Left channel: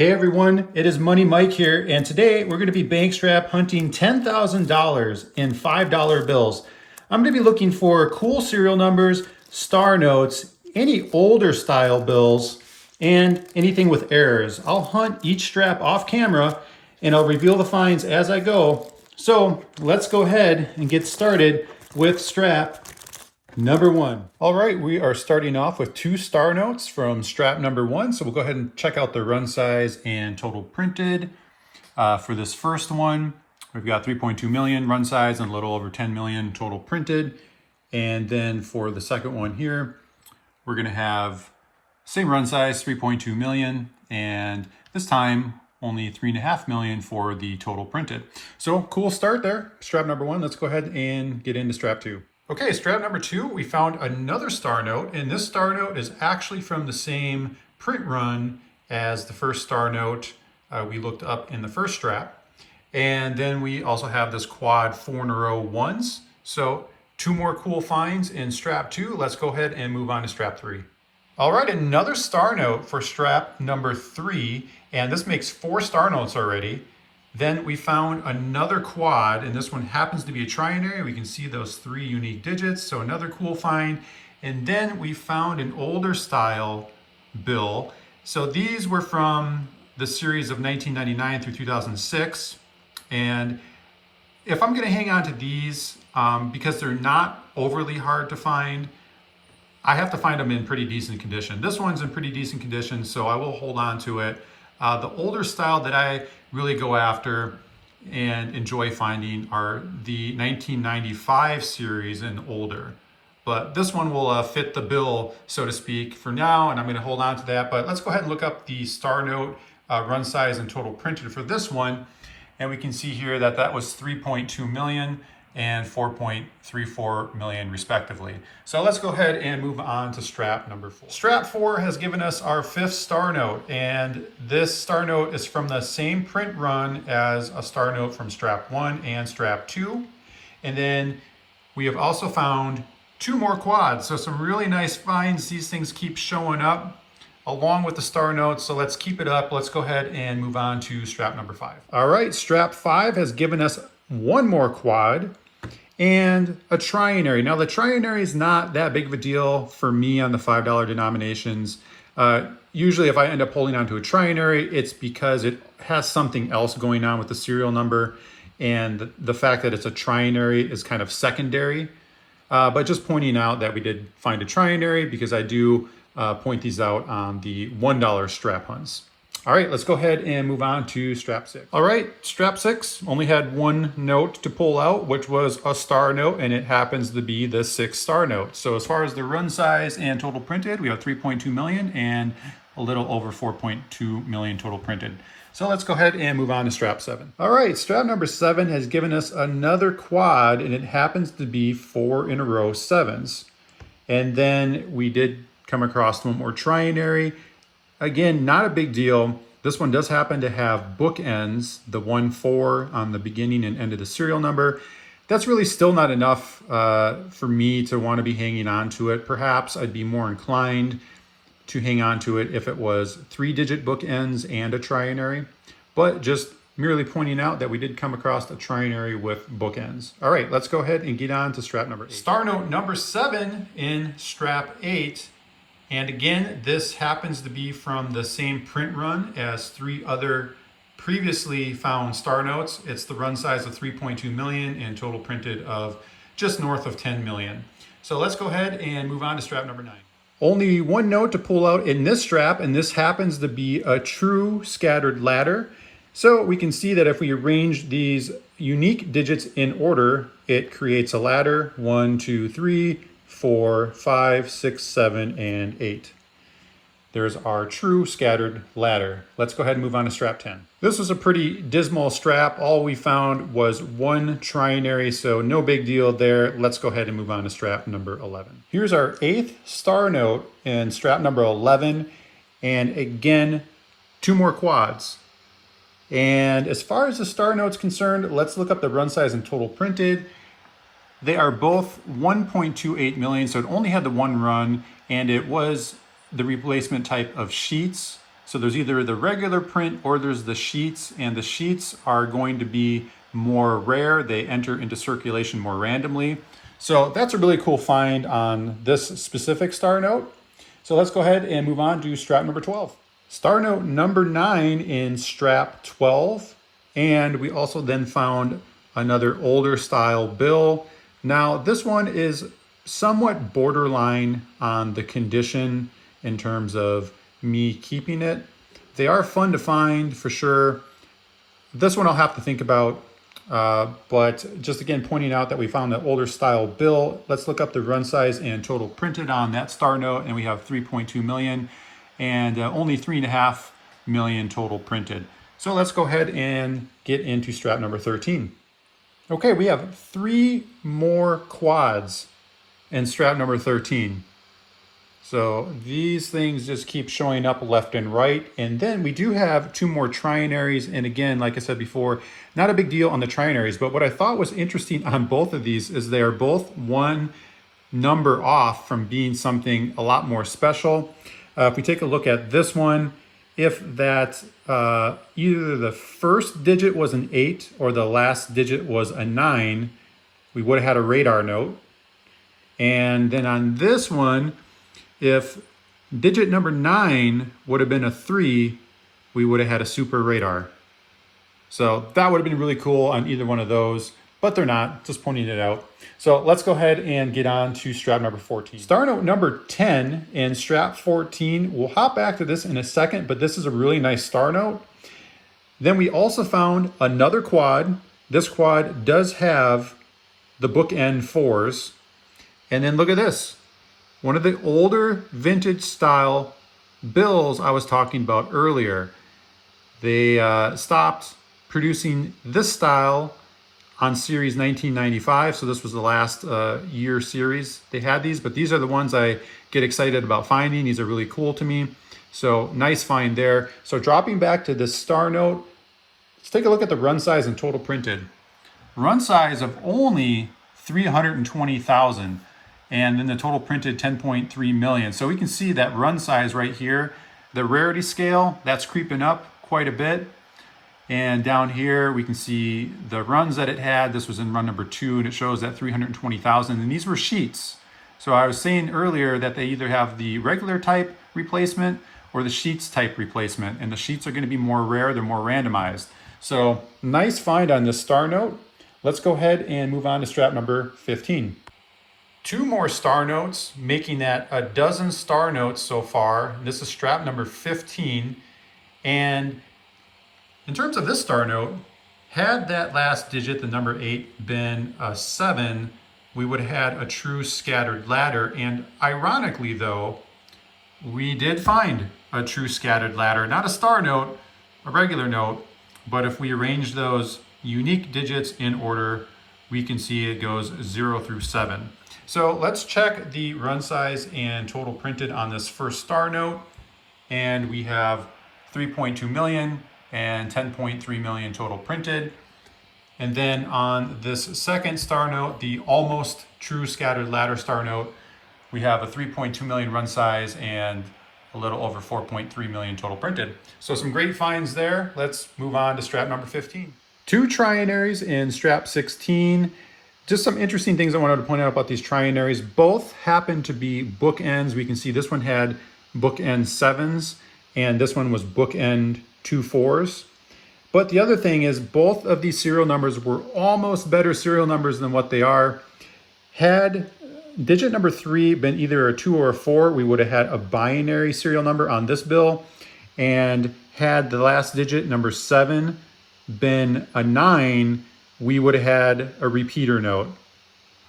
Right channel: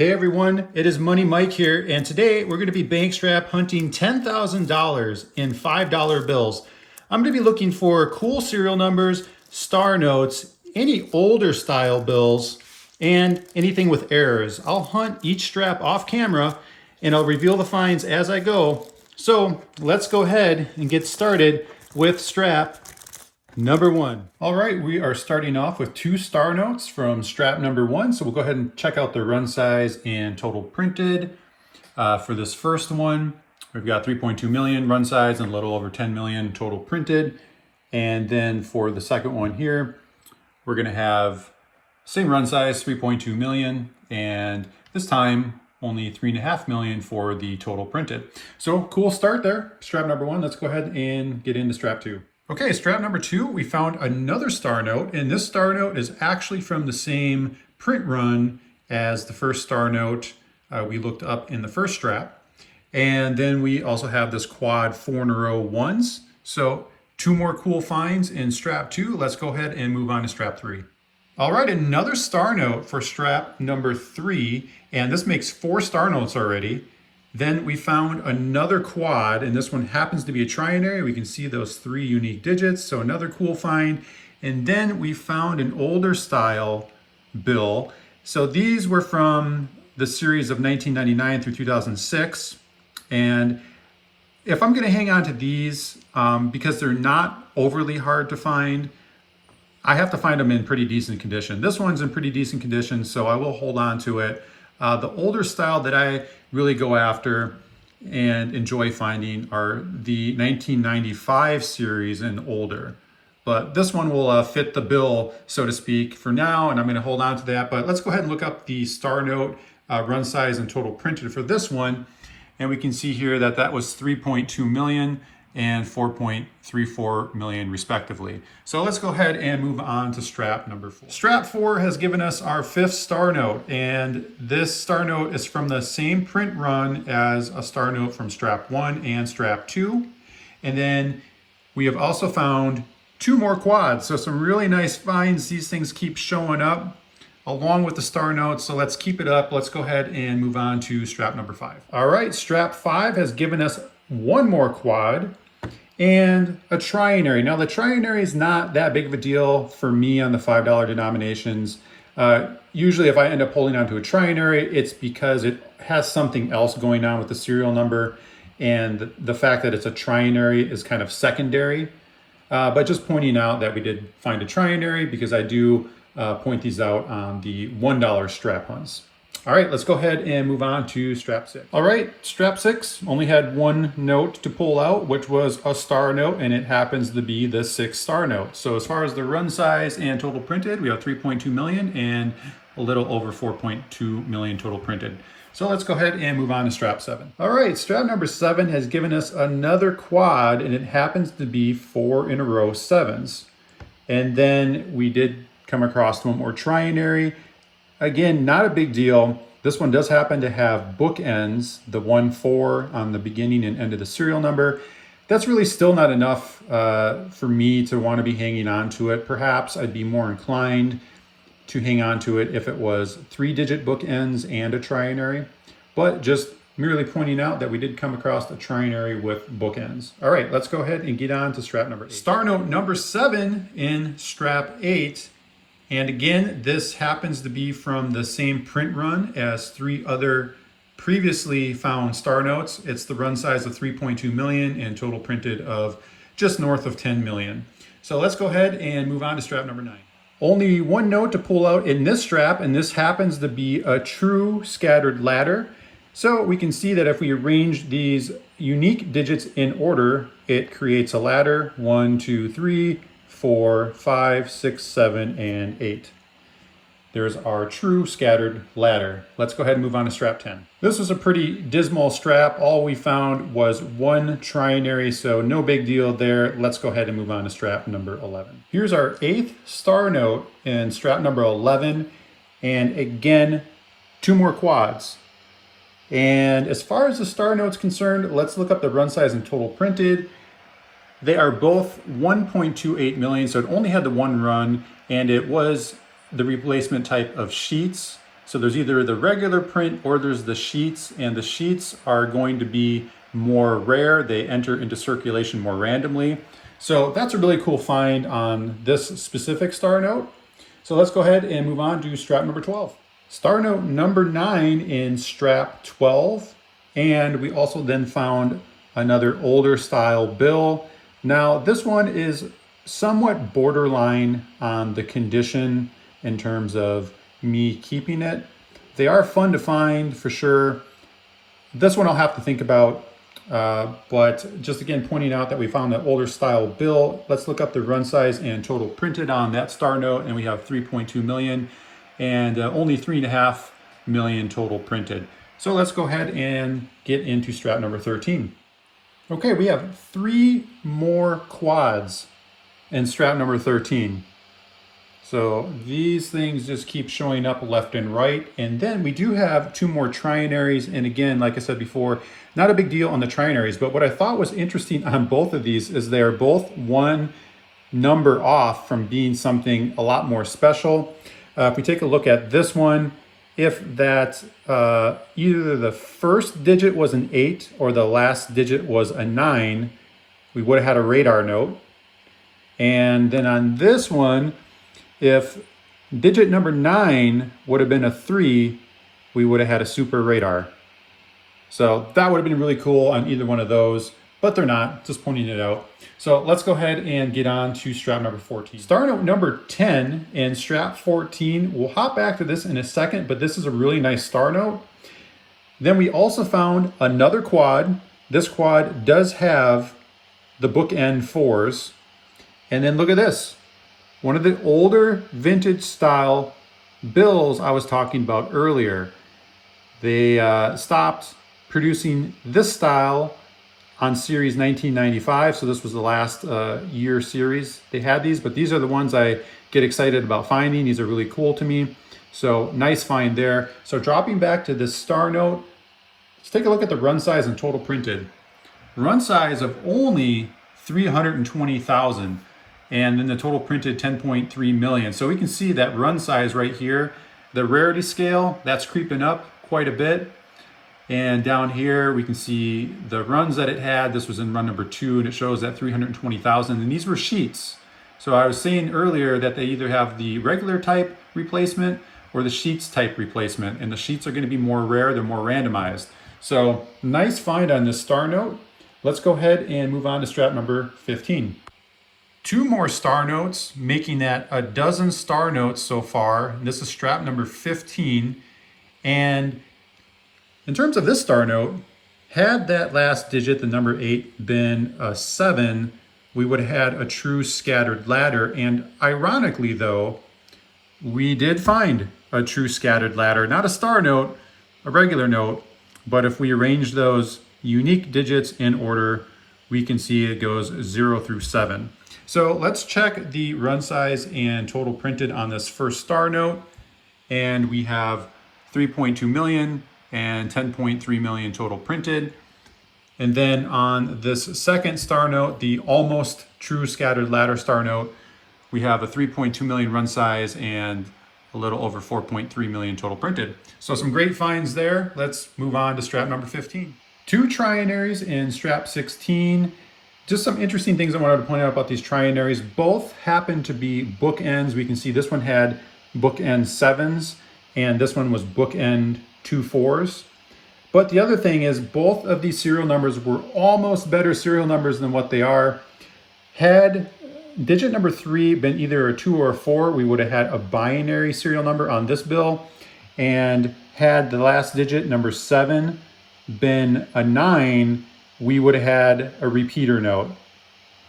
Hey everyone, it is Money Mike here, and today we're going to be bank strap hunting $10,000 in $5 bills. I'm going to be looking for cool serial numbers, star notes, any older style bills, and anything with errors. I'll hunt each strap off camera and I'll reveal the finds as I go. So let's go ahead and get started with strap number one. All right, we are starting off with two star notes from strap number one. So we'll go ahead and check out the run size and total printed. For this first one, we've got 3.2 million run size and a little over 10 million total printed. And then for the second one here, we're gonna have same run size, 3.2 million, and this time only 3.5 million for the total printed. So cool start there, strap number one. Let's go ahead and get into strap two. Okay, strap number two, we found another star note, and this star note is actually from the same print run as the first star note we looked up in the first strap. And then we also have this quad 4 in a row ones. So two more cool finds in strap two. Let's go ahead and move on to strap three. All right, another star note for strap number three, and this makes 4 star notes already. Then we found another quad, and this one happens to be a trinary. We can see those 3 unique digits, so another cool find. And then we found an older style bill. So these were from the series of 1999 through 2006. And if I'm gonna hang on to these, because they're not overly hard to find, I have to find them in pretty decent condition. This one's in pretty decent condition, so I will hold on to it. The older style that I really go after and enjoy finding are the 1995 series and older. But this one will fit the bill, so to speak, for now, and I'm gonna hold on to that. But let's go ahead and look up the star note run size and total printed for this one. And we can see here that that was 3.2 million and 4.34 million respectively. So let's go ahead and move on to strap number four. Strap four has given us our 5th star note, and this star note is from the same print run as a star note from strap one and strap two. And then we have also found 2 more quads. So some really nice finds. These things keep showing up along with the star notes. So let's keep it up. Let's go ahead and move on to strap number 5. All right, strap 5 has given us 1 more quad and a trinary. Now the trinary is not that big of a deal for me on the $5 denominations. Usually if I end up holding onto a trinary, it's because it has something else going on with the serial number, and the fact that it's a trinary is kind of secondary. But just pointing out that we did find a trinary, because I do point these out on the $1 strap hunts. All right, let's go ahead and move on to strap 6. All right, strap 6 only had 1 note to pull out, which was a star note, and it happens to be the 6th star note. So as far as the run size and total printed, we have 3.2 million and a little over 4.2 million total printed. So let's go ahead and move on to strap 7. All right, strap number 7 has given us another quad, and it happens to be 4 in a row 7s. And then we did come across 1 more trinary. Again, not a big deal. This one does happen to have bookends, the 1-4 on the beginning and end of the serial number. That's really still not enough for me to want to be hanging on to it. Perhaps I'd be more inclined to hang on to it if it was 3-digit bookends and a trinary, but just merely pointing out that we did come across a trinary with bookends. All right, let's go ahead and get on to strap number 8. Star note number 7 in strap 8. And again, this happens to be from the same print run as 3 other previously found star notes. It's the run size of 3.2 million and total printed of just north of 10 million. So let's go ahead and move on to strap number 9. Only 1 note to pull out in this strap, and this happens to be a true scattered ladder. So we can see that if we arrange these unique digits in order, it creates a ladder: 1, 2, 3, 4, 5, 6, 7, and 8. There's our true scattered ladder. Let's go ahead and move on to strap 10. This was a pretty dismal strap. All we found was 1 trinary, so no big deal there. Let's go ahead and move on to strap number 11. Here's our 8th star note in strap number 11. And again, 2 more quads. And as far as the star note's concerned, let's look up the run size and total printed. They are both 1.28 million, so it only had the 1 run, and it was the replacement type of sheets. So there's either the regular print or there's the sheets, and the sheets are going to be more rare. They enter into circulation more randomly. So that's a really cool find on this specific star note. So let's go ahead and move on to strap number 12. Star note number 9 in strap 12. And we also then found another older style bill. Now this one is somewhat borderline on the condition in terms of me keeping it. They are fun to find for sure. This one I'll have to think about, but just again pointing out that we found that older style bill. Let's look up the run size and total printed on that star note, and we have 3.2 million and only 3.5 million total printed. So let's go ahead and get into strap number 13. Okay, we have 3 more quads in strap number 13. So these things just keep showing up left and right. And then we do have 2 more trinaries. And again, like I said before, not a big deal on the trinaries, but what I thought was interesting on both of these is they're both 1 number off from being something a lot more special. If we take a look at this one, if that either the first digit was an 8 or the last digit was a 9, we would have had a radar note. And then on this one, if digit number 9 would have been a 3, we would have had a super radar. So that would have been really cool on either one of those, but they're not, just pointing it out. So let's go ahead and get on to strap number 14. Star note number 10 and strap 14. We'll hop back to this in a second, but this is a really nice star note. Then we also found another quad. This quad does have the bookend 4s. And then look at this. One of the older vintage style bills I was talking about earlier. They stopped producing this style on series 1995. So this was the last year series they had these, but these are the ones I get excited about finding. These are really cool to me. So nice find there. So dropping back to this star note, let's take a look at the run size and total printed. Run size of only 320,000. And then the total printed 10.3 million. So we can see that run size right here. The rarity scale, that's creeping up quite a bit. And down here, we can see the runs that it had. This was in run number 2, and it shows that 320,000. And these were sheets. So I was saying earlier that they either have the regular type replacement or the sheets type replacement. And the sheets are gonna be more rare, they're more randomized. So nice find on this star note. Let's go ahead and move on to strap number 15. 2 more star notes, making that a dozen star notes so far. This is strap number 15. And in terms of this star note, had that last digit, the number 8, been a 7, we would have had a true scattered ladder. And ironically though, we did find a true scattered ladder, not a star note, a regular note, but if we arrange those unique digits in order, we can see it goes 0 through 7. So let's check the run size and total printed on this first star note. And we have 3.2 million and 10.3 million total printed. And then on this second star note, the almost true scattered ladder star note, we have a 3.2 million run size and a little over 4.3 million total printed. So some great finds there. Let's move on to strap number 15. 2 trinaries in strap 16. Just some interesting things I wanted to point out about these trinaries. Both happen to be bookends. We can see this one had bookend 7s and this one was bookend 2 4s. But the other thing is both of these serial numbers were almost better serial numbers than what they are. Had digit number 3 been either a 2 or a 4, we would have had a binary serial number on this bill. And had the last digit, number 7, been a 9, we would have had a repeater note.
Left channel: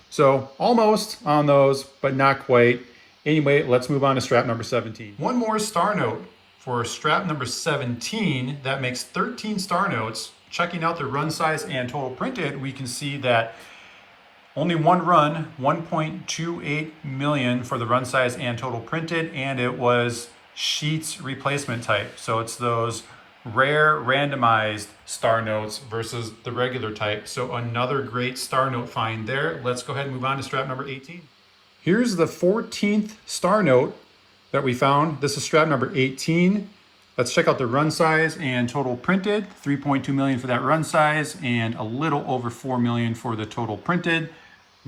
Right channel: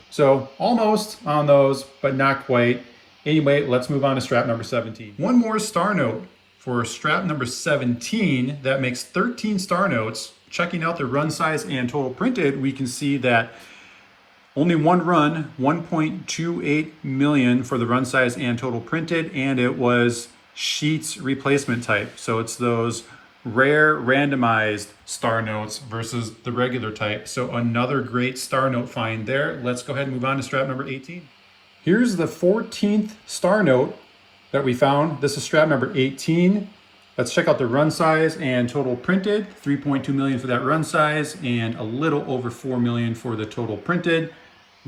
So almost on those, but not quite. Anyway, let's move on to strap number 17. One more star note for strap number 17. That makes 13 star notes. Checking out the run size and total printed, we can see that only one run, 1.28 million for the run size and total printed, and it was sheets replacement type. So it's those rare randomized star notes versus the regular type. So another great star note find there. Let's go ahead and move on to strap number 18. Here's the 14th star note that we found. This is strap number 18. Let's check out the run size and total printed. 3.2 million for that run size and a little over 4 million for the total printed.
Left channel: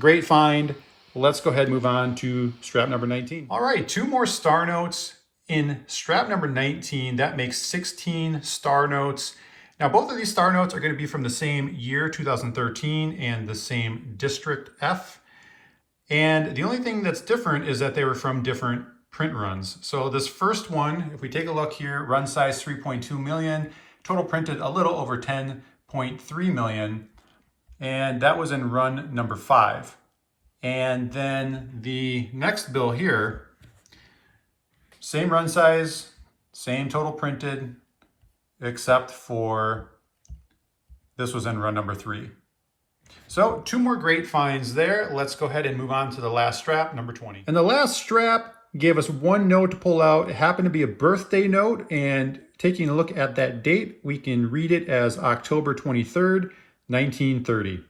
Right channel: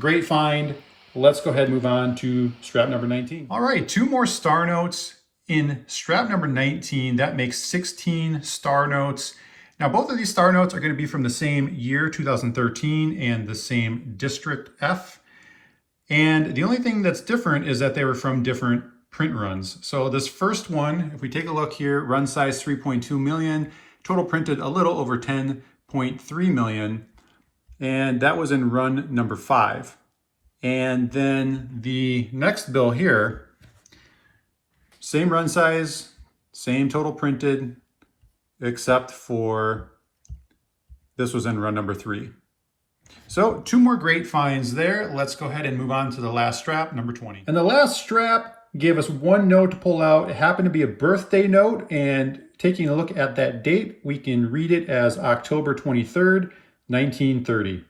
Great find. Let's go ahead and move on to strap number 19. All right, 2 more star notes in strap number 19. That makes 16 star notes. Now, both of these star notes are going to be from the same year, 2013, and the same District F. And the only thing that's different is that they were from different print runs. So this first one, if we take a look here, run size 3.2 million, total printed a little over 10.3 million, and that was in run number 5. And then the next bill here, same run size, same total printed, except for this was in run number 3. So 2 more great finds there. Let's go ahead and move on to the last strap, number 20. And the last strap gave us 1 note to pull out. It happened to be a birthday note, and taking a look at that date, we can read it as October 23rd, 1930.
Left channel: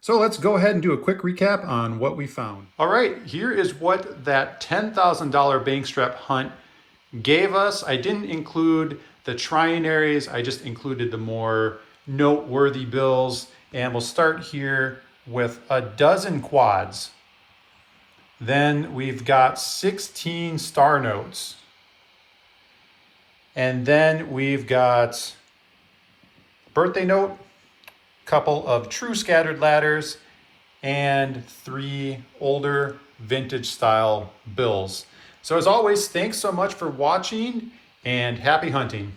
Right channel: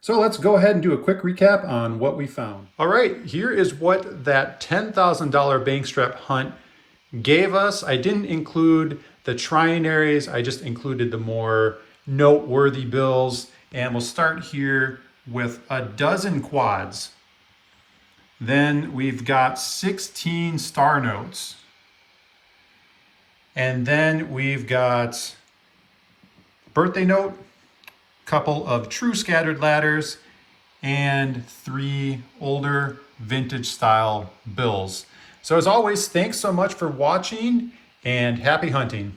So let's go ahead and do a quick recap on what we found. All right, here is what that $10,000 bank strap hunt gave us. I didn't include the trinaries, I just included the more noteworthy bills. And we'll start here with a dozen quads. Then we've got 16 star notes. And then we've got birthday note, couple of true scattered ladders, and 3 older vintage style bills. So as always, thanks so much for watching and happy hunting.